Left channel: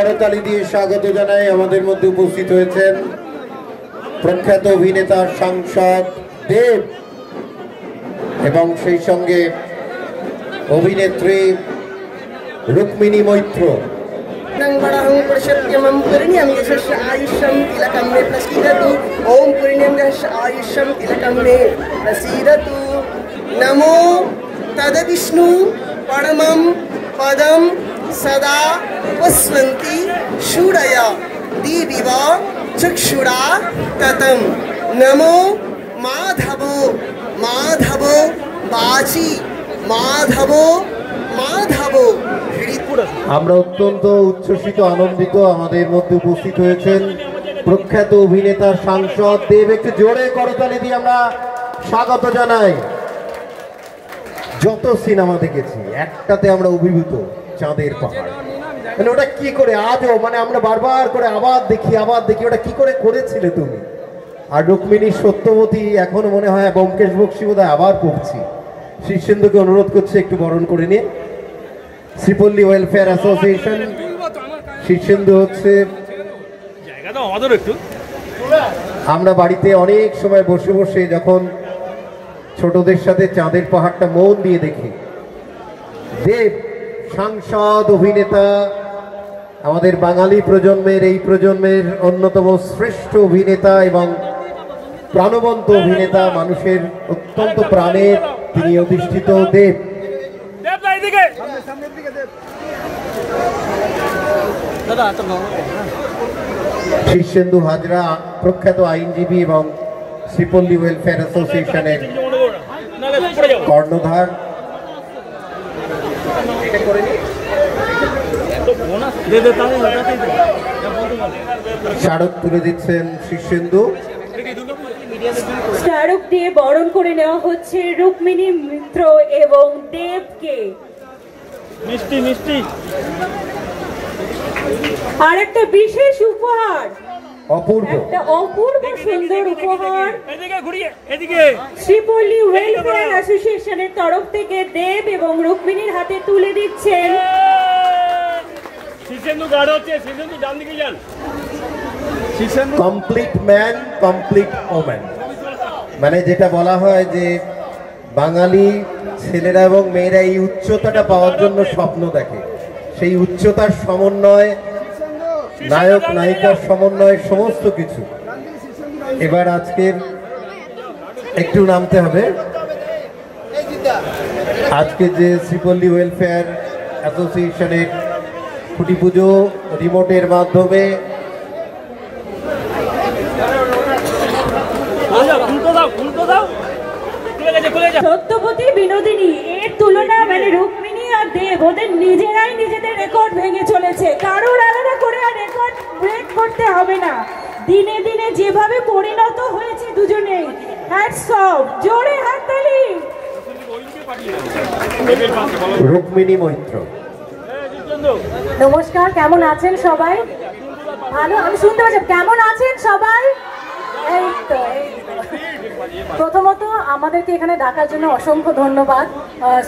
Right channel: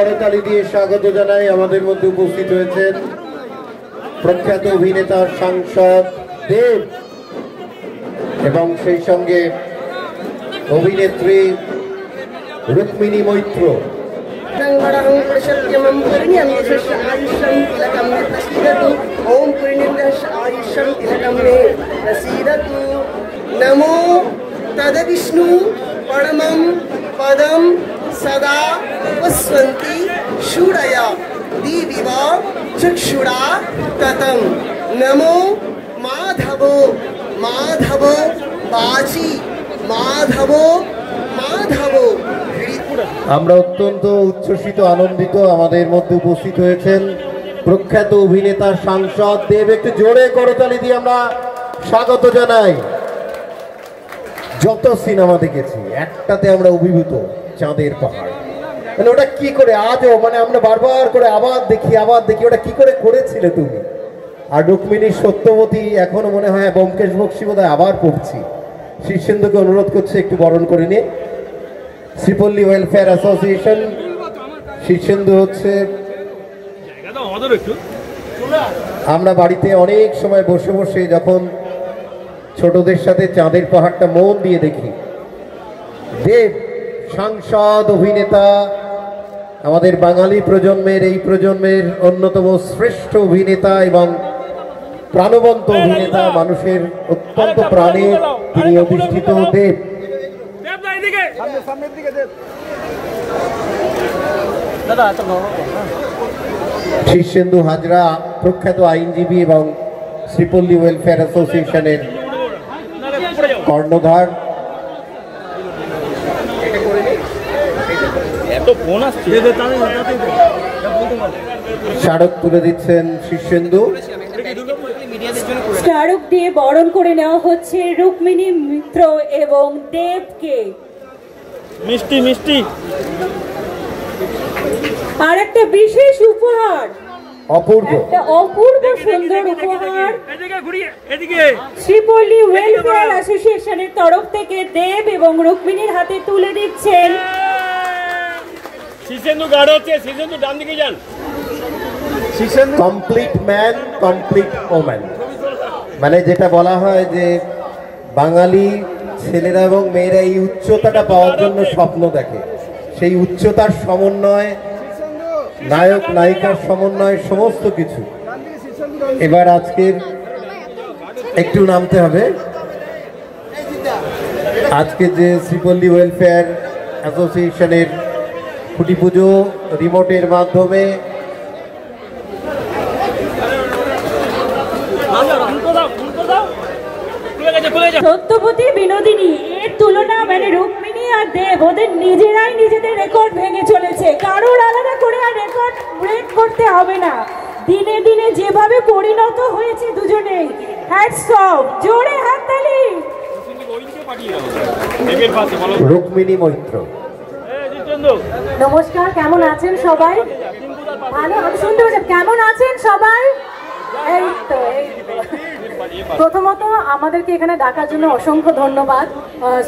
করতালি দিয়ে স্বাগত জানাই। আমাদের মধ্যে উপস্থিত হয়েছেন প্রখ্যাত অভিনেতা সাংসদ দেব এবং সেই সঙ্গে অভিনেত্রী রুক্মিণী মৈত্র। नमो तद विष्णु परमं पदं सदा उपस्वन्ति शूरया दिविव चक्षुरा ततं नमो माधवो माधवो बाजी माधवो माधवो। আমরা অত্যন্ত উচ্ছ্বসিত আনন্দিত, আমাদের মধ্যে উপস্থিত হয়েছেন প্রখ্যাত অভিনেতা সাংসদ দেব। একটু জোরে করতালি দিয়ে আমরা স্বাগত জানাই। যত সিনেমা দেখেছি একটাতে আমরা অভিভূত, চাঁদের পাহাড়। মানে ওটা কি করে আজও মানে আমরা বারবার করে আবার দেখি ওটা কি করে করেছিলে তুমি। আর রুক্মিণীর সত্যবতী এখনো মনে হয় ব্যোমকেশ বক্সী বোধহয় আবার পড়ছি। শীর্ষেন্দুকে অনুরোধ করছে একটু বরণ করে নিয়ে। শ্রীপল্লী ওয়েলফেয়ার অ্যাসোসিয়েশন, শীর্ষেন্দু হচ্ছে। আমরা বাড়িতে অনেক সময় বসে বসে যখন ছোটদের সাথে চাঁদের পাহাড়টা মন দিয়ে দেখি। দেব সাংসদ, অভিনেতা, আমাদের বাঙালি প্রজন্মের এই প্রজন্মের অন্যতম শ্রেষ্ঠ অভিনেতা এবং প্রাণবন্ত অভিনেতা, মানুষের অত্যন্ত প্রাণের তিনি অধিষ্ঠিত দেব। শীর্ষেন্দু হাজরা প্রখ্যাত আইনজীবী এবং শ্রীপল্লী ওয়েলফেয়ার অ্যাসোসিয়েশনের কর্ণধার। স্মারক তুলে দিচ্ছেন শীর্ষেন্দু। স্মারক দিয়ে বরণ করে নেওয়া হচ্ছে রুক্মিণী মিত্র এবং দেবকে। মিষ্টি মিষ্টি আর একটা বিশেষ উপহার, অপূর্ব সুন্দর উপহার শ্রীপল্লী ওয়েলফেয়ার অ্যাসোসিয়েশনের তরফ থেকে দেব এবং রুক্মিণীর হাতে তুলে দিচ্ছেন। কমপ্লিট ম্যান, কমপ্লিট ওম্যান, মানে যেটা বলা হয় যে বাঙালি ছেলেরা এবং মেয়েরা এই উচ্চতাটা পাওয়ার জন্য স্বপ্ন দেখে। সেই উচ্চতার সমন্বয়, নায়ক নায়িকার সমন্বয়, সমস্ত কিছু। এবার আজকের একটু নামতে হবে। আজকে যে শ্রীপল্লী ওয়েলফেয়ার অ্যাসোসিয়েশনের খুঁটি পুজো রিমোটের মাধ্যমে সত্যবতী বিনোদিনী, এর তুলনা মানে রুক্মিণী আর দেব ওদের নিজেরাই নিজেদের রেকর্ড ভেঙে চলেছে। কারোর আলাদা করে আর রেকর্ড ব্রেক করতে হবে না। দিনে দিনে যেভাবে পরিণত হয়েছে দুজনেই, হ্যাটস অফ, জোরে হাততালি। রুক্মিণী মৈত্র। নমস্কার, কেমন আছেন সবাই? ভালো, আমি শুনতে পাচ্ছি। কেমন আছেন সবাই? এই তো প্রথমত আমাদেরকে এখানে ডাকার জন্য অসংখ্য ধন্যবাদ।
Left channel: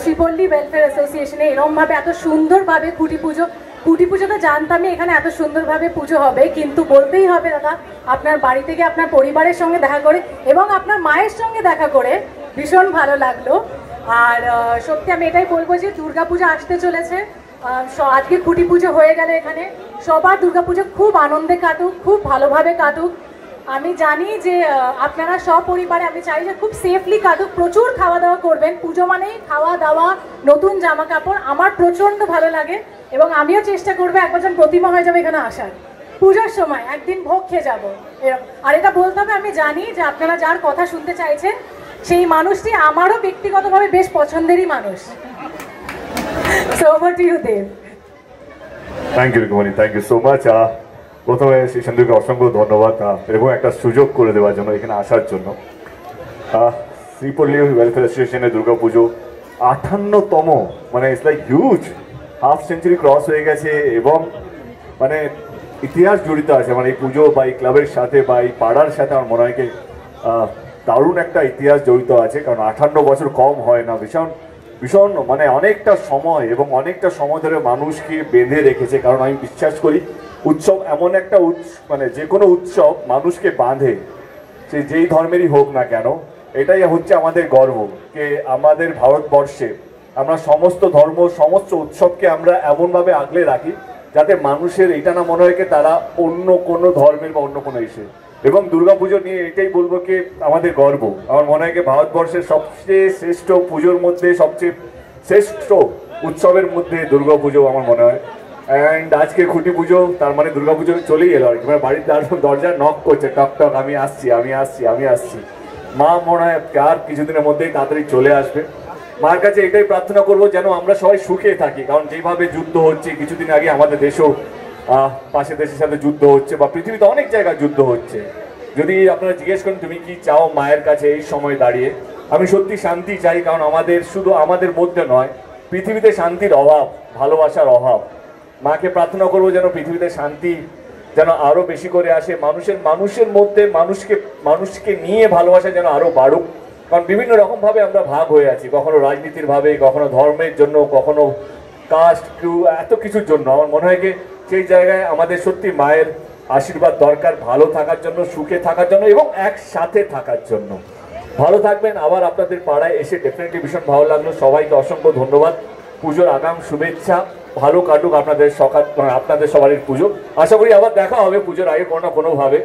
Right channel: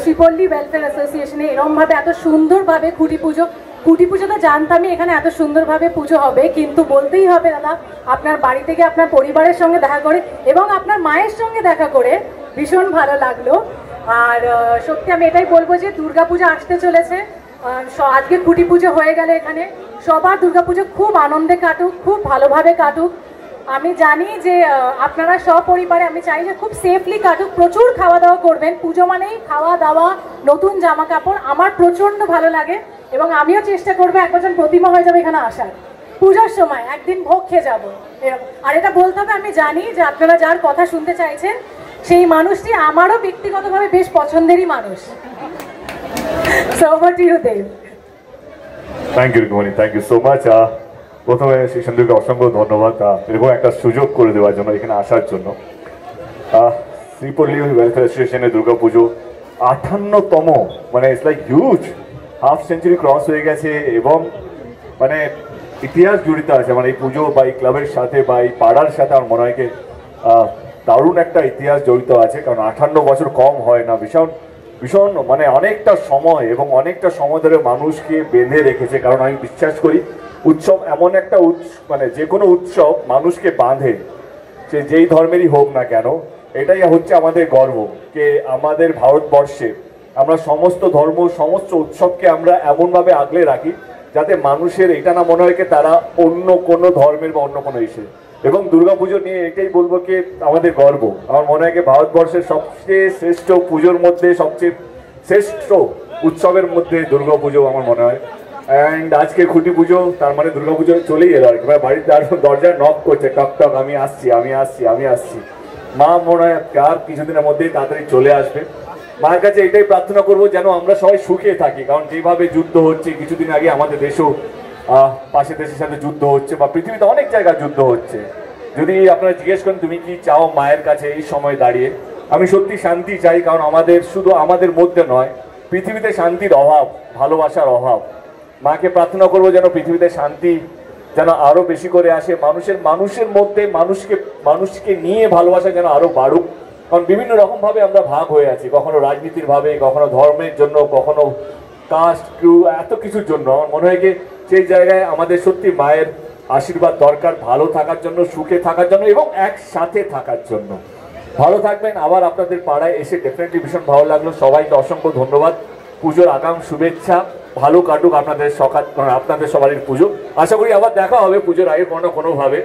শ্রীপল্লী ওয়েলফেয়ার অ্যাসোসিয়েশনে এরমভাবে এত সুন্দরভাবে খুঁটি পুজো তো জানতামই এখানে এত সুন্দরভাবে পুজো হবে, কিন্তু বলতেই হবে দাদা, আপনার বাড়ি থেকে আপনার পরিবারের সঙ্গে দেখা করে এবং আপনার মায়ের সঙ্গে দেখা করে ভীষণ ভালো লাগলো। আর সত্যি আমি এটাই বলবো যে দুর্গাপূজা আসতে চলেছে। আজকে খুঁটি পুজো হয়ে গেলে এখানে সবার দুর্গাপুজো খুব আনন্দে কাটুক, খুব ভালোভাবে কাটুক। আমি জানি যে আপনারা সপরিবারে, আমি চাই যে খুব সেফলি কাটুক। প্রচুর খাওয়া দাওয়া করবেন, পুজো মানেই খাওয়া দাওয়া, নতুন জামা কাপড়। আমার প্রচন্ড ভালো লাগে এবং আমিও চেষ্টা করবো একবার যেন প্রতিমা হয়ে যাবে এখানে আসার। পূজার সময় একদিন ভোগ খেয়ে যাবো। আর এটা বলতে হবে, আমি জানি যে আপনারা যার কথা শুনতে চাইছেন সেই মানুষটি আমারও ব্যক্তিগতভাবে বেশ পছন্দেরই মানুষ। So over to you, Dev. Thank you, Rukmini. Thank you so much. প্রথমে শীর্ষেন্দুকে অসংখ্য ধন্যবাদ এরকম একটা সুযোগ করে দেওয়ার জন্য, এখানে আসার জন্য। শ্রীপল্লী ওয়েলফেয়ার অ্যাসোসিয়েশনের দুর্গাপুজো 58তম, মানে it's like huge, half century cross হয়ে গেছে এবং মানে ইতিহাস জড়িত আছে মানে এই পুজো বা এই ক্লাবের সাথে বা এই পাড়ার সাথে। আমার মনে হয় দারুণ একটা ইতিহাস জড়িত আছে, কারণ 58 বছর কম হয় না। ভীষণ ভীষণ মানে অনেকটা সময় এবং অনেকটা সময় ধরে মানুষকে বেঁধে রেখেছে। কারণ আমি বিশ্বাস করি উৎসব এমন একটা মানে যে কোনো উৎসব মানুষকে বাঁধে, সে যেই ধর্মেরই হোক না কেন। এটাই হচ্ছে আমাদের গর্ব যে আমাদের ভারতবর্ষে আমরা সমস্ত ধর্ম সমস্ত উৎসবকে আমরা এমনভাবে আগলে রাখি যাতে মানুষের এটা না মনে হয় তারা অন্য কোনো ধর্মের বা অন্য কোনো ইসে। এবং দুর্গাপুজো নিয়ে এটাই বলবো কি আমাদের গর্ব। আমার মনে হয় ভারতবর্ষের সবচেয়ে শ্রেষ্ঠ পুজোর মধ্যে সবচেয়ে শ্রেষ্ঠ উৎসবের মধ্যে দুর্গাপুজো আমার মনে হয়। অ্যান্ড আজকে খুঁটি পুজো, তার মানে দুর্গাপুজো চলেই এলো আর কি। বাড়ির দরজায় নক করছে, টক টক, আমি আসছি আমি আসছি আমি আসছি। মা মনে হয় আর কিছুদিনের মধ্যেই তাড়াতাড়ি চলে আসবে। মার কাছে এটাই প্রার্থনা করবো যেন আমরা সবাই সুখে থাকি। কারণ যেভাবে যুদ্ধ হচ্ছে, কিছুদিন আগে আমাদের দেশেও পাশের দেশের সাথে যুদ্ধ হচ্ছে, বা পৃথিবীতে অনেক জায়গায় যুদ্ধ হচ্ছে। যদি আপনারা জিজ্ঞেস করেন তুমি কি চাও মায়ের কাছে এই সময় দাঁড়িয়ে, আমি সত্যি শান্তি চাই। কারণ আমাদের শুধু আমাদের মধ্যে নয়, পৃথিবীতে শান্তির অভাব, ভালোবাসার অভাব। মাকে প্রার্থনা করবো যেন পৃথিবীতে শান্তি যেন আরো বেশি করে আসে, মানুষের মধ্যে মানুষকে নিয়ে ভালোবাসা যেন আরো বাড়ুক। কারণ বিভিন্ন রকম ভাবে আমরা ভাগ হয়ে আছি, কখনো রাজনীতির ভাবে, কখনো ধর্মের জন্য, কখনো কাস্ট, এত কিছুর জন্য। আমার মনে হয় সেই জায়গায় আমাদের সত্যি মায়ের আশীর্বাদ দরকার, ভালো থাকার জন্য, সুখে থাকার জন্য এবং একসাথে থাকার জন্য। ভালো থাকবেন। আবার আপনাদের পাড়ায় এসে ডেফিনেটলি ভীষণ ভালো লাগলো। সবাইকে অসংখ্য ধন্যবাদ। পুজোর আগাম শুভেচ্ছা, ভালো কাটুক আপনাদের আপনাদের সবারই পুজো। আশা করি আবার দেখা হবে পুজোর আগে কোনো না কোনোভাবে।